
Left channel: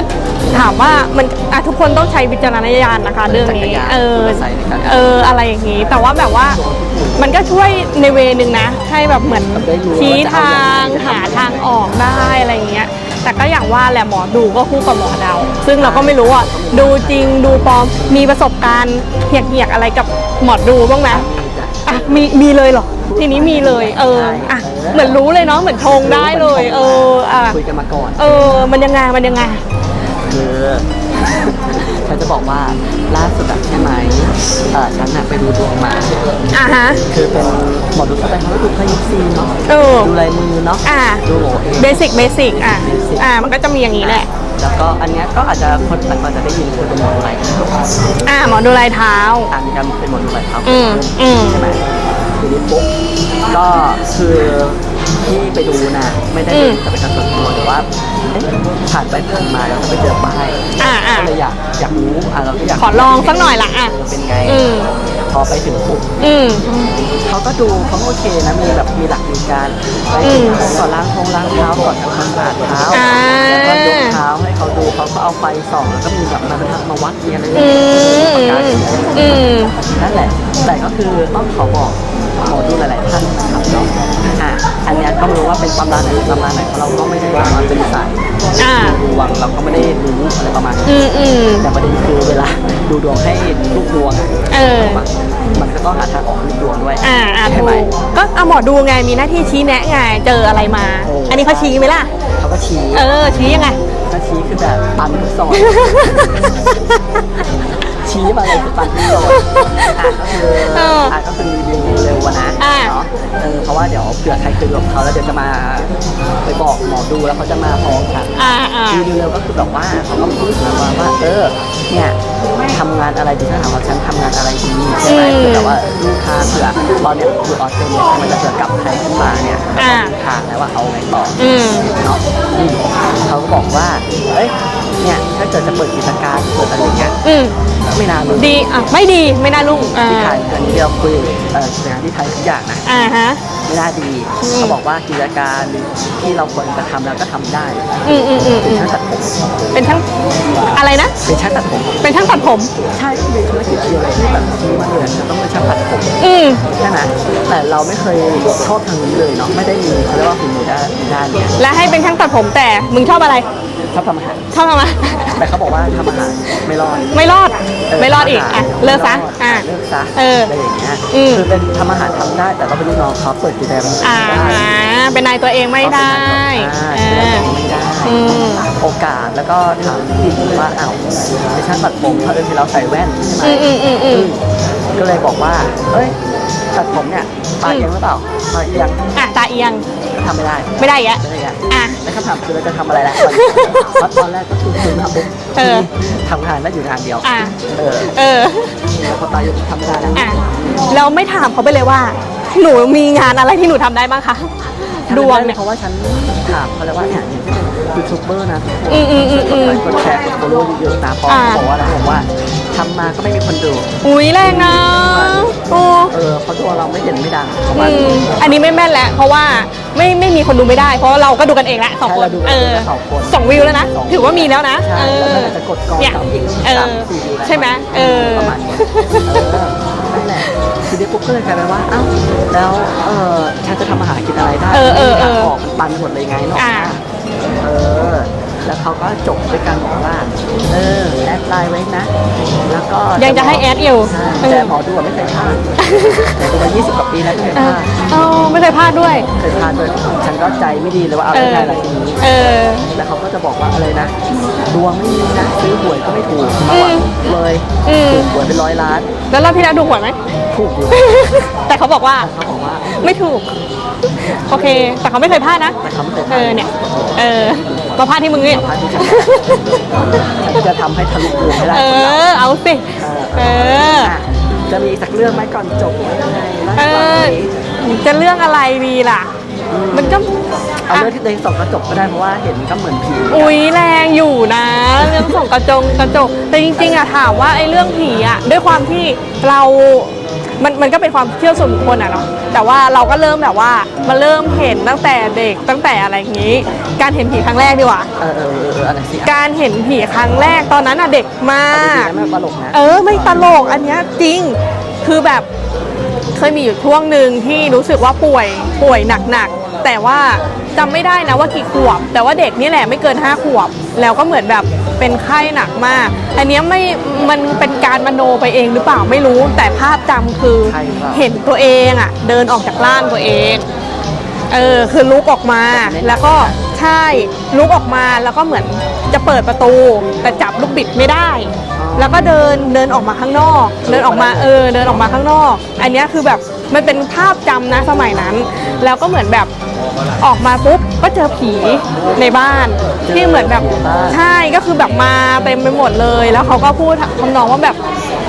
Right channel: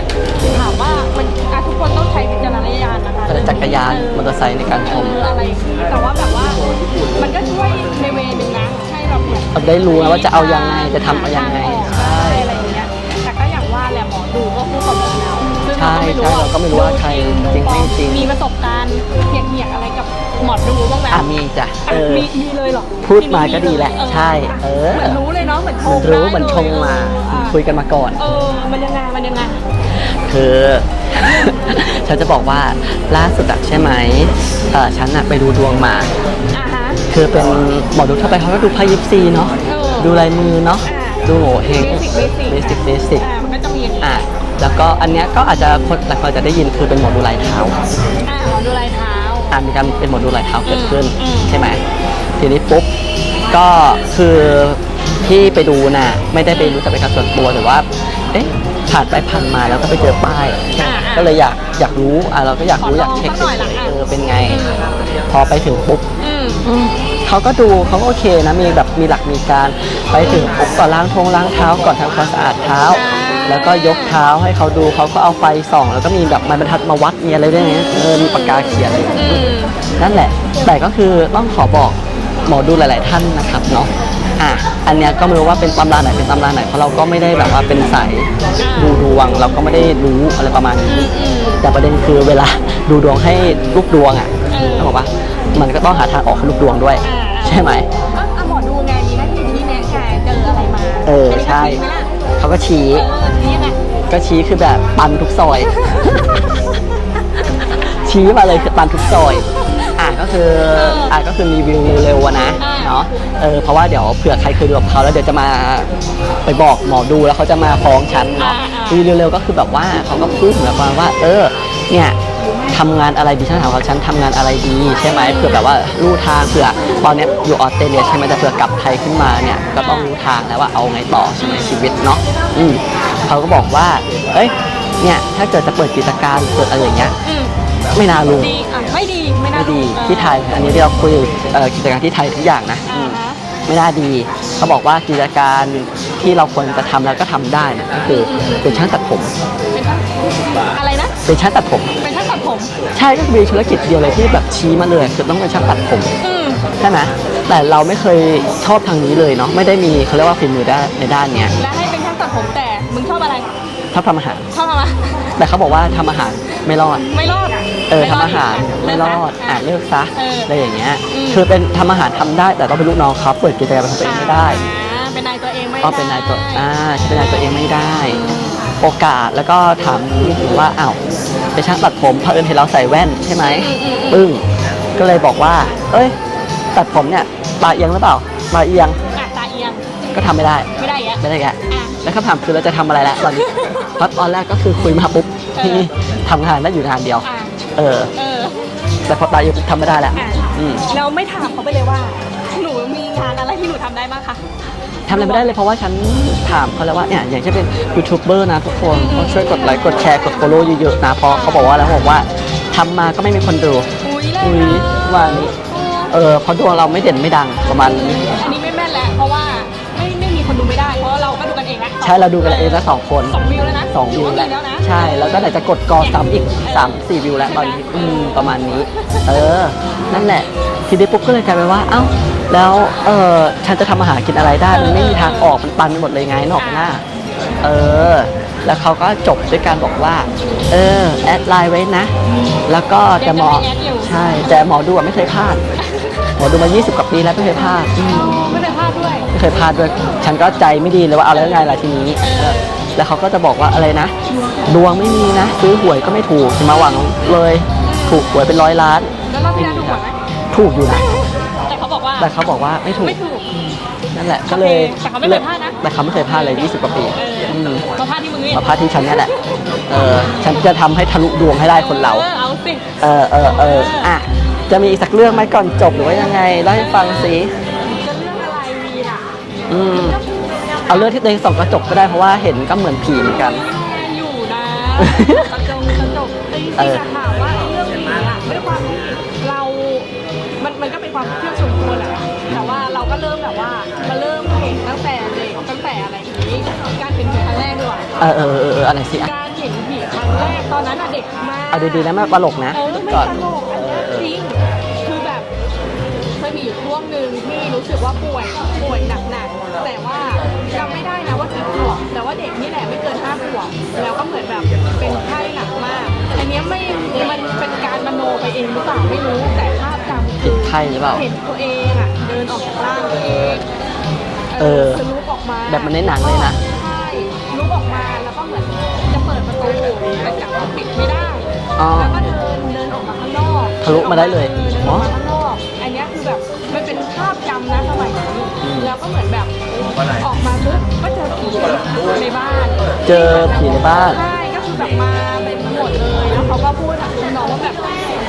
ถามว่ามันอะทุกคนต้องใช้วิจารณญาณนะคะ เรื่องจักรนี้ยานเออมอเตอร์ไซค์ในการเอออะไรอย่างงี้ แต่ว่าแบบว่ามันก็ช่วยในเวนึงนะให้แบบเหมือนได้รู้ชี้ว่าจะเอาทายังไงงจะหาทำยังไงทางออกได้อะไรอย่างเงี้ย แต่ก็อย่างว่าแหละหมอดูก็คู่กับหมอเดาซึ่งเราก็ไม่รู้อะใช่ดูจริงดูปลอมมีประสบการณ์เหียกๆอะไรกับหมอดูบ้างไหมอะมีจ้ะอะเออ มีมีเลยเหรอพูดทีนี้มามีเลยก็มีแหละเออใช่ อะเออเหมือนรู้เลยเนาะเหมือนชงได้เลย เอออะคุยกันมาก่อน เออ มันยังไงมันยังไง คือ ฉันจะบอกว่าล่าสุดอะใช่ไหมเออฉันอะไปดูดวงมา อะฮะ คือเป็นหมอดูทั่วไปเขาก็ดูไพ่ยิปซีเนาะเออ ดูลายมือเนาะอะดูโง่เอง เบสิกเบสิกอะ Basic อะมันก็จะมีอย่างนี้แหละแล้วก็อันเนี้ยก็อาจจะคนหลายคนจะได้ยินคือเป็นหมอดูลายเท้าอะหมอดูลายเท้าอ่ามีการเป็นหมอดูลายเท้าอืเกิดมขึ้นอืม ใช่ไหมทีนี้ปุ๊บก็คือที่ไปดูน่ะไม่ได้เป็นจะเป็นการส่วนตัวหรือว่า เอ๊ะผ่านไปผ่านมาแล้วก็ไปเจอป้ายอ่าอ่าก็เลยอยากอยากรู้อะเราก็อยากขอลองสักหน่อยละอะเออเป็นไง อืม พอไปถึงปุ๊บ อืม เขาก็ดูเขาก็โอเคนะมีแบบมีหลักมีการไปถึงก่อนล้างทงล้างเท้าก่อนทำความสะอาดเท้า อ่าแล้วก็ยกเท้าให้เขาดูเขาก็เอาไฟส่อง แล้วก็มีแบบไม้บรรทัดมาวัดมีอะไรด้วยนะเออดูปากกาเขียนอืม นั่นแหละ แต่ก็คือต้องขอบอก หมอดูหลาย ๆ ท่านนะครับเนาะอะอันเนี้ยก็ไม่รู้ว่าเป็นตำราไหนเป็นตำราไหนเพราะเราก็ไม่ได้แบบว่าเป็นสายอ่า ดูดวงเราก็ไม่ได้รู้อะไรประมาณนี้ อืมอืม แต่ประเด็นคือเวลาดูดวงให้ลูกดวงอะเออ บอกว่ามันก็ต้องหาทางออกให้ลูกดวงด้วย อ่าอ่าใช่ไหม ก็เอาหมอดูไงมีหน้าที่ชี้แนะไงเจออะไรมา เอออัอันนี้เขาใช่ชี้ไหมล่ะ เขาก็ชี้เออชี้ยังไง ก็ชี้คือแบบตันทุกซอย ชี้มาเลยคือตันทุกซอยอะก็คือเอออ่อะก็คือรีวิว เนาะเออเพราะว่าเดี๋ยวเผื่อใครเคยดูกับเขาแล้วเดี๋ยวจะมาไปบอกหมอดูแล้วเขาจะมาฟ้องฉันอ่าอ่ารีวิวเร็วๆก็คือแบบว่าเขาก็พูดถึงมาว่าเออเนี่ยทำงานอะไรดีฉันถามว่าฉันทำงานอะไรดีใช่ไหมเผื่อแบบว่าดูทางเผื่อตอนเนี้ยอยู่ออสเตรเลียใช่ไหมแต่เผื่อกลับไทยขึ้นมาเนี่ยก็ต้องดูทางแล้วว่าเอาไงต่อ อืมชีวิตเนาะอืมเขาก็บอกว่า เอ้ย เนี่ย ถ้าเกิดจะเปิดกิจการเปิดอะไรอย่างเงี้ย อืมไม่น่ารู้ดีอะไม่ดีไม่น่าลุ่งอ่า ที่ไทยตัวนี้ที่เราคุยเอ่อกิจการที่ไทยทุกอย่างนะ อ่าฮะ ไม่น่าดีเขาบอกว่ากิจการที่เราควรจะทำแล้วก็ทำได้อะอืมอืมอืม เป็นช่างตัดผมเป็นช่างอะไรนะ เป็นช่างตัดผม เป็นช่างตัดผม ใช่ก็มีธุรกิจเดียวเลยที่แบบชี้มาเลยคือต้องเป็นช่างตัดผมอืม ใช่ไหมแต่เราไม่เคยชอบทางนี้เลยเนาะไม่ได้มีเขาเรียกว่าฝีมือด้านในด้านเนี้ยและให้เป็นช่างตัดผมแต่มึงชอบอะไรชอบทำอาหาร ชอบทำอะไรแต่เขาบอกว่าทำอาหารไม่รอด ไม่รอด ไม่รอดอีกทำาหาอะเลิกซะไม่รอดอะอะ เลิกซะเออออะไรอย่างเงี้ยอืม คือเป็นทำอาหารทำได้แต่ต้องเป็นลูกน้องเขาเปิดกิจการเป็นตัวเออ่างได้เป็นนายตัวเองไม่ก็เป็นได้นายตัวอ่าเป็นนายตัวเองไม่ได้ อืม โอกาสแล้วก็ถามว่าอ้าวไอช่างตัดผมเพิ่นเห็นเราใส่แว่นใช่ไหม อืมอืมอืมอึ้งก็เลยบอกว่า เอ้ยตัดผมเนี่ยตาเอียงหรือเปล่าตาเอียงอะตาเอียงก็ทำไม่ได้ไม่ได้อีกอะไม่ได้แกอะ แล้วคำถามคือเราจะทำอะไรละตอนนี้ เพราะตอนแรกก็คือคุยมาปุ๊บเอ ที่อทำงานไม่อยู่ทางเดียว อะเออ เออ แต่พอตายทำไม่ได้แล้ว อะเราไม่ถามเขาไปเลยว่า หนูมีงานอะไรที่หนูทำได้บ้างคะ ทำดไม่วงได้เลเนี่ยยเพราะว่าฉันถามเขาแล้วว่าเนี่ยอย่างเช่นเป็นยูทูบเบอร์นะทุกคนอืมอืมช่วยกดไลค์กดแชร์กด follow เยอะๆนะเพราะอ่า เขาบอกว่าแล้วบอกว่าทำมาก็ไม่มีคนดู อุ้ยแรงนะ วันโอ้เออเพราะตัวเราไม่เด่นไม่ดังประมาณอืมนี้อันนี้ไม่แม่นแล้ว เพราะว่าไม่ไม่มีคนดูไม่ได้ เพราะเราก็ดูกันเองละสองใช่คนเราดูกันเองนะสองคนสองวิวแล้วนะสองถือว่ามีแล้วนะ ใช่เอแล้วอนั่นแหละจะกดกอเนี่ยสามอีกเออสามสี่วิวแล้วใช่ไหมเออ ประมาณนี้เออนั่นแหละทีนี้ปุ๊บก็เลยกลายเป็นว่าเอ้าแล้วเออฉันจะทำอาหารกินอะไรได้เออไม่มีเออทางออกมันตันไปหมดเลยไงเนกอ่านะเออ แล้วเขาก็จบด้วยการบอกว่า เออ แอดไลน์ไว้นะ แล้วก็ยังจะให้แอดอยู่ใช่แต่หมอดูอะไม่เคยพลาดหมอดูมัน20กว่าปีแล้วไม่เคยพลาดเออไม่เคยพลาดด้วยไม่เคยพลาดด้วย ฉันก็ใจไม่ดีเลยว่าเอาได้ไงล่ะทีนี้เออแล้วเขาก็จะบอกว่าอะไรนะ ดวงไม่มีนะซื้อหวยก็ไม่ถูกมาหวังเลยอืมถูกหวยเป็นร้อยล้าน แล้วรอบที่แล้วถูกหวยไหมถูกอยู่แต่เขาบอกว่าแต่เขาบอกว่าไม่ถูก ไม่ถูกนั่นแหละโอเค แต่เขาไม่เคยพลาดนะแต่เขาไม่เคยพเอลาดอในเนี่ย20กว่าปีเออมาพลาดที่มึงนี่มาพาดที่ฉันนี่แหละเออฉันจะทำให้ทะลุดวงให้ได้เอคนเราอเอาสิเออเออเอเออออ่อะจะมีอีกสักเรื่องไหมก่อนจบหรือว่ายังไงได้เอฟังอสิจะเรื่องอะไรดีล่ะอืมันก็เอาเรื่องที่ตัวเองส่องกระจกก็ได้เพราะว่าเห็นก็เหมือนผีเหมือนกันอุ้ยแรงอยู่นะเรื่องของกระจงกระจกแต่จริงๆอะถามว่าไอ้เรื่องผีอะด้วยความที่เรา มันมันก็เป็นความเชื่อส่วนบุคคลอะเนาะแต่ว่าเราก็เริ่มแบบว่ามาเริ่มเห็นตั้งแต่เด็กตั้งแต่อะไรอย่างนี้ การเห็นผีครั้งแรกดีกว่า เออเออเออเอออะไรสิอะการเห็นผีครั้งแรกตอนนั้นอะเด็กมาเอาจริงๆกนะมันตลกนะ เออไม่ตลกอันเนี้ยจริงคือแบบเค ยมีอยู่ช่วงหนึ่งที่รู้สึกว่าป่วยป่วยหนักๆแต่ว่าจำไม่ได้นะว่ากี่ขวบ แต่ว่าเด็กนี่แหละไม่เกินห้าขวบ แล้วก็เหมือนแบบเป็นไข้หนักมาก อันเนี้ยไม่มันเป็นการมโนไปเองหรือเปล่าไม่รู้ แต่ภาพจำคือใช่หรือเปล่า เห็นตัวเองอะเดินออกจากร่างตัวเอง เออคือลุกออกมาแบบนี้หนักแล้วก็ ใช่ลุกออกมาแล้วก็เหมือนจะเปิดประตู แต่จับลูกบิดไม่ได้ อ๋อแล้วก็เดินเดินออกมาข้างนอกทะลุเดินออกมามาได้เออเดินออกมาข้างนอก อันเนี้ยคือแบบมันเป็นภาพจำนะสมัยนั้น แล้วก็เหมือนแบบออกมาปุ๊บก็เจอผีในบ้านที่เหมือนแบบผีบ้านใช่ก็คือแบบมาเต็มไปหมดเลย แล้วเขาก็พูดทำนองว่าแบบ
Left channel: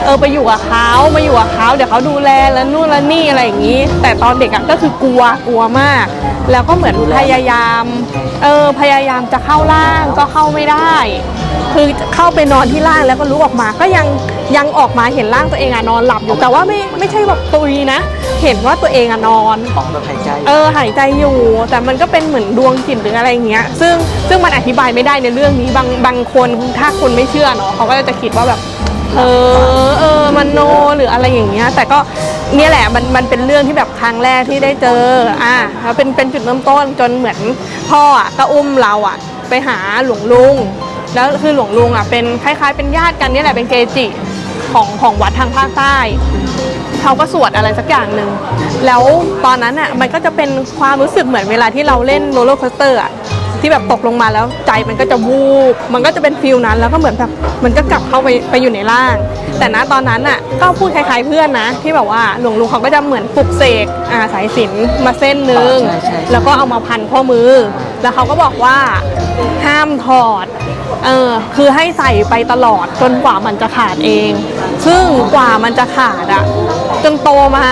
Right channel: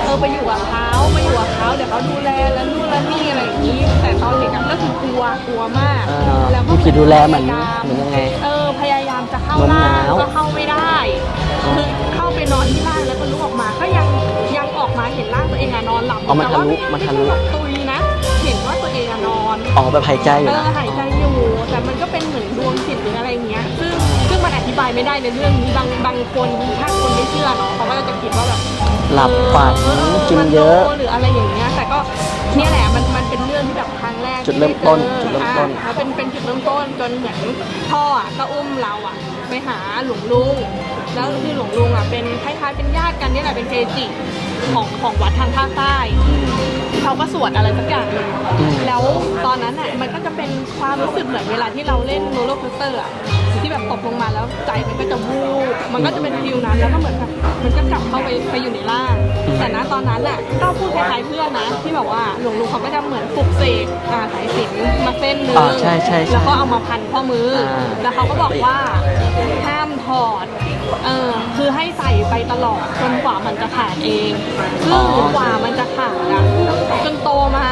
เออไปอยู่กับเขามาอยู่กับเขาเดี๋ยวเขาดูแลแล้วนู่นแล้วนี่อะไรอย่างนี้ แต่ตอนเด็กอะก็คือกลัวกลัวมาก แล้วก็เหมือนพยายาม เออพยายามจะเข้าร่างก็เข้าไม่ได้ คือเข้าไปนอนที่ร่างแล้วก็ลุกออกมาก็ยังยังออกมาเห็นร่างตัวเองอะนอนหลับอยู่แต่ว่าไม่ไม่ใช่แบบตุยนะ เห็นว่าตัวเองอะนอน ออกแบบหายใจ เออหายใจอยู่ แต่มันก็เป็นเหมือนดวงจิตหรืออะไรอย่างเงี้ย ซึ่งซึ่งมันอธิบายไม่ได้ในเรื่องนี้บางบางคนถ้าคนไม่เชื่อเนาะเขาก็จะคิดว่าแบบ เออเออมันโนหรืออะไรอย่างเงี้ย แต่ก็เนี่ยแหละมันมันเป็นเรื่องที่แบบครั้งแรกที่ได้เจออะแล้วเป็นเป็นจุดเริ่มต้นจนเหมือนพ่ออะก็อุ้มเราอะ ไปหาหลวงลุง แล้วคือหลวงลุงอะเป็นคล้ายๆเป็นญาติกันเนี่ยแหละเป็นเกจิของของวัดทางภาคใต้เขาก็สวดอะไรสักอย่างหนึ่ง แล้วตอนนั้นอะมันก็จะเป็นความรู้สึกเหมือนเวลาที่เราเล่นโรลเลอร์โคสเตอร์อะ ที่แบบตกลงมาแล้วใจมันก็จะวูบมันก็จะเป็นฟิลนั้น แล้วก็เหมือนแบบมันก็กลับเข้าไปไปอยู่ในร่าง แต่ณตอนนั้นอะก็พูดคล้ายๆเพื่อนนะ ที่แบบว่าหลวงลุงเขาก็จะเหมือนปลุกเสกอ่าสายสิญจนมาเส้นหนึ่งอ่าใช่ใช่ใช่แล้วก็เอามาพันข้อมือ แล้วเขาก็บอกว่าห้ามถอดเออคือให้ใส่ไปตลอดจนกว่ามันจะขาดเอง ซึ่งกว่ามันจะขาดอะจนโตมา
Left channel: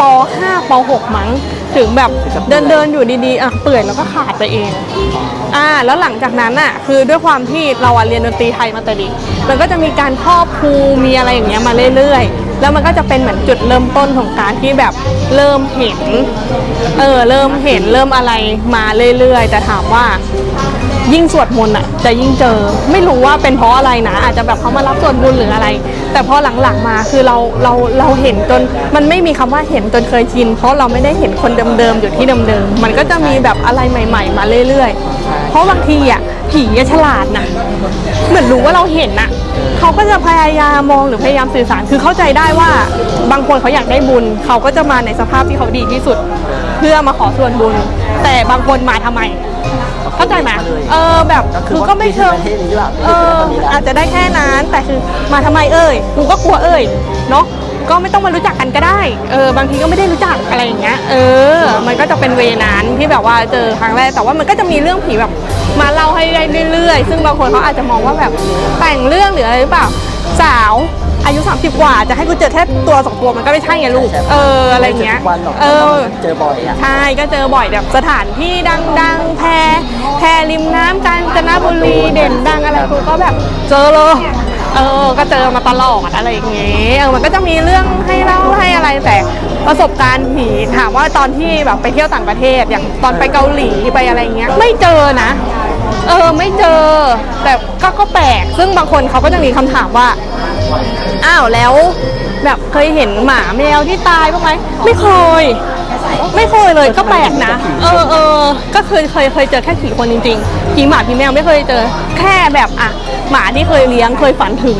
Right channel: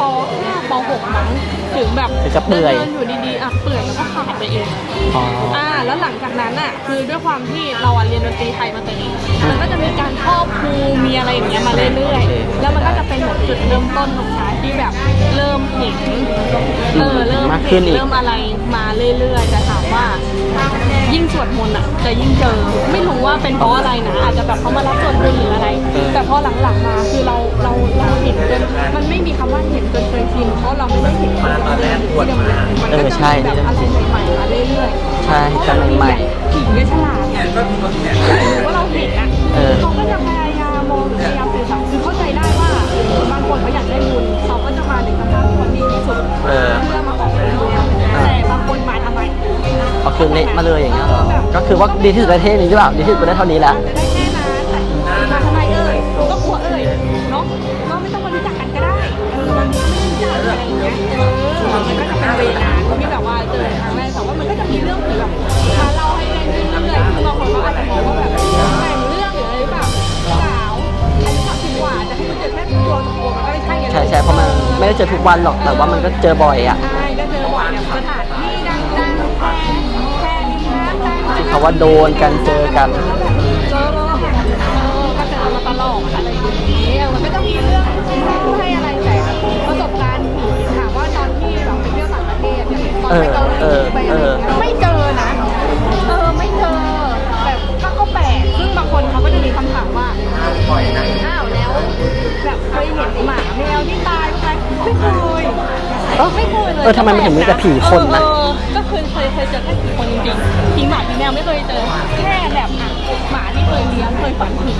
ป .5 ป .6 มั้ง ถึงแบบเดินเดินๆอยู่ดีๆอะเปื่อยแล้วก็ขาดไปเองอ๋ออ่าแล้วหลังจากนั้นอะคือด้วยความที่เราอะเรียนดนตรีไทยมาแต่เด็กมันก็จะมีการทอบครูมีอะไรอย่างเงี้ยมาเรื่อยๆ แล้วมันก็จะเป็นเหมือนจุดเริ่มต้นของการที่แบบเริ่มเห็นเออเริ่มเห็นเริ่มอะไรมาเรื่อยๆ แต่ถามว่ายิ่งสวดมนต์อะจะยิ่งเจอไม่รู้ว่าเป็นเพราะอะไรนะ อาจจะแบบเขามารับส่วนบุญหรืออะไร แต่พอหลังๆมาคือเราเราเราเห็นจนมันไม่มีคำว่าเห็นจนเคยชิน เพราะเราไม่ได้เห็นคนเดิมๆอยู่ที่เดิมๆมันก็จะมีแบบอะไรใหม่ ๆ มาเรื่อยๆ เพราะบางทีอะผีเนี่ยฉลาดนะเหมือนรู้ว่าเราเห็นน่ะ เขาก็จะพยายามมองหรือพยายามสื่อสาร คือเข้าใจได้ว่าบางคนเขาอยากได้บุญ เขาก็จะมาในสภาพที่เขาดีที่สุด เพื่อมาขอส่วนบุญ แต่บางคนมาทำไม เข้าใจไหมมาเลยเออแบบก็คือว่ากูมีที่ประเทศนี้หรือเปล่ามีที่ประเทศเท่านี้นะอาจจะได้แค่นั้นแต่คือมาทำไมเอ่ยกูก็กลัวเอ่ยเนาะ ก็ไม่ต้องมารู้จักกันก็ได้ เออบางทีก็ไม่ได้รู้จักอะไรอย่างเงี้ย เออ มันก็จะเป็นเวนั้นที่แบบว่าเจอครั้งแรก แต่ว่ามันก็จะมีเรื่องผีแบบมาเล่าให้ได้เรื่อยๆ ซึ่งบางคนเขาอาจจะมองว่าแบบแต่งเรื่องหรืออะไรหรือเปล่า สาวอายุ 30 กว่าจะให้กูเจอแค่ตัวสองตัวมันก็ไม่ใช่ไงลูก ใช่เอออะไรเงี้ยไม่ใช่ทุกวันหรอกเอแต่ว่าอมันก็เจอบ่อยอะใช่ก็เจอบ่อยแบบสถานที่ดังๆแพรแพรริมน้ำกาญจนบุรีเด่นดังอะไรกูก็แบบเจอเลย เออก็เจอมาตลอดอะไรอย่างเงี้ยเออมันก็จะมีเรื่องให้เล่าให้อะไรแต่ประสบการณ์ผีถามว่าตอนที่แบบไปเที่ยวต่างประเทศอย่างตอนไปเกาหลีไปอะไรอย่างเงี้ยไม่เจอนะ เออไม่เจอ แต่ก็ก็แปลกซึ่งบางคนเขาก็จะมีคำถามว่า อ้าวแล้วแบบเคยเห็นหมาแมวที่ตายบ้างไหมไม่เคย ไม่เคยเลยก็แปลกนะ เออเออก็คือเคยเคยเจอแค่ผีคนจริงๆผีหมาผีแมวไม่เคยเจอ แค่แบบอะหมาที่เคยเลี้ยงเคยฝันถึง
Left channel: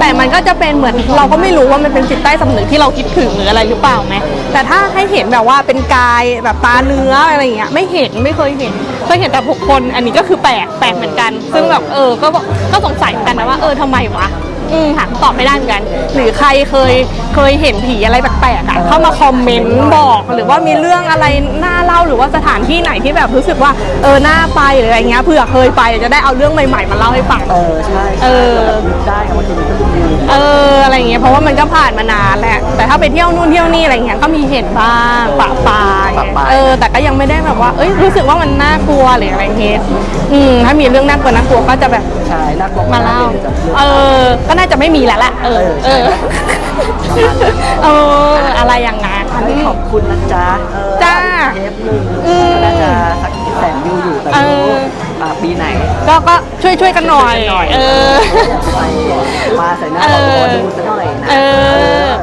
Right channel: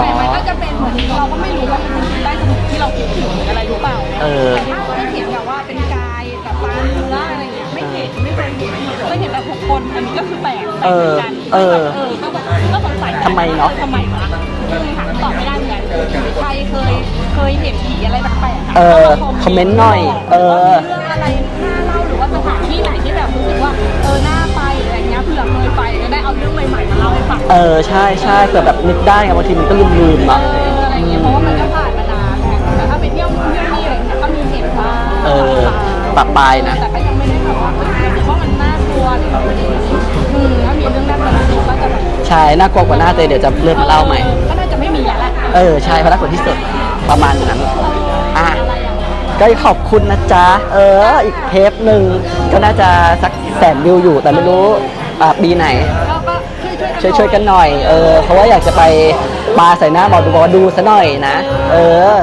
แต่มันก็จะเป็นเหมือนเราก็ไม่รู้ว่ามันเป็นจิตใต้สำนึกที่เราคิดถึงหรืออะไรหรือเปล่าไงแต่ถ้าให้เห็นแบบว่าเป็นกายแบบตาเนื้ออะไรอย่างเงี้ยไม่เห็นไม่เคยเห็นเคยเห็นแต่บุคคลอันนี้ก็คือแปลกแปลกเหมือนกัน ซึ่งแบบเออก็ก็สงสัยกันนะว่าเออทำไมวะอืมหาคำตอบไม่ได้เหมือนกันหรือใครเคย เคยเห็นผีอะไรแปลกๆอะเข้ามาคอมเมนต์บอกหรือว่ามีเรื่องอะไรน่าเล่าหรือว่าสถานที่ไหนที่แบบรู้สึกว่าเออน่าไปหรืออะไรเงี้ยเผื่อเคยไปจะได้เอาเรื่องใหม่ๆมาเล่าให้ฟัง เออใช่ใช่เออเผื่อแบบนึกได้ไงบางทีมันก็ลืมลืมๆเออะออะไรเงี้ยเพราะว่ามันก็ผ่านมานานแหละแต่ถ้าไปเที่ยวนู่นเที่ยวนี่อะไรเงี้ยก็มีเห็นบ้างปะปายปะปายเออแต่ก็ยังไม่ได้แบบว่าเอ้ยรู้สึกว่ามันน่ากลัวหรืออะไรเงี้ยอืมถ้ามีเรื่องน่า ใช่น่ากลัวกว่านั้นเลยเดี๋ยวจะเลื่อนเอเล่าไปอก็น่าจะไม่มีแล้วแหละเออใช่แล้วประมาณนั้นเอออะไรอย่างนั้นก็ขอบคุณนะจ๊ะเออจ้าอีกเทปหนึ่งอืมก็น่าจะสักแสนวิวอยู่แต่ไม่รู้เออเอ่อปีไหน ก็ก็ช่วยช่วยกันหน่อยช่วยๆกันหน่อยเอเอออเพราะว่าอยากจะไปปาใส่หน้าบอกหมอดูซะหน่อยนะเออเออ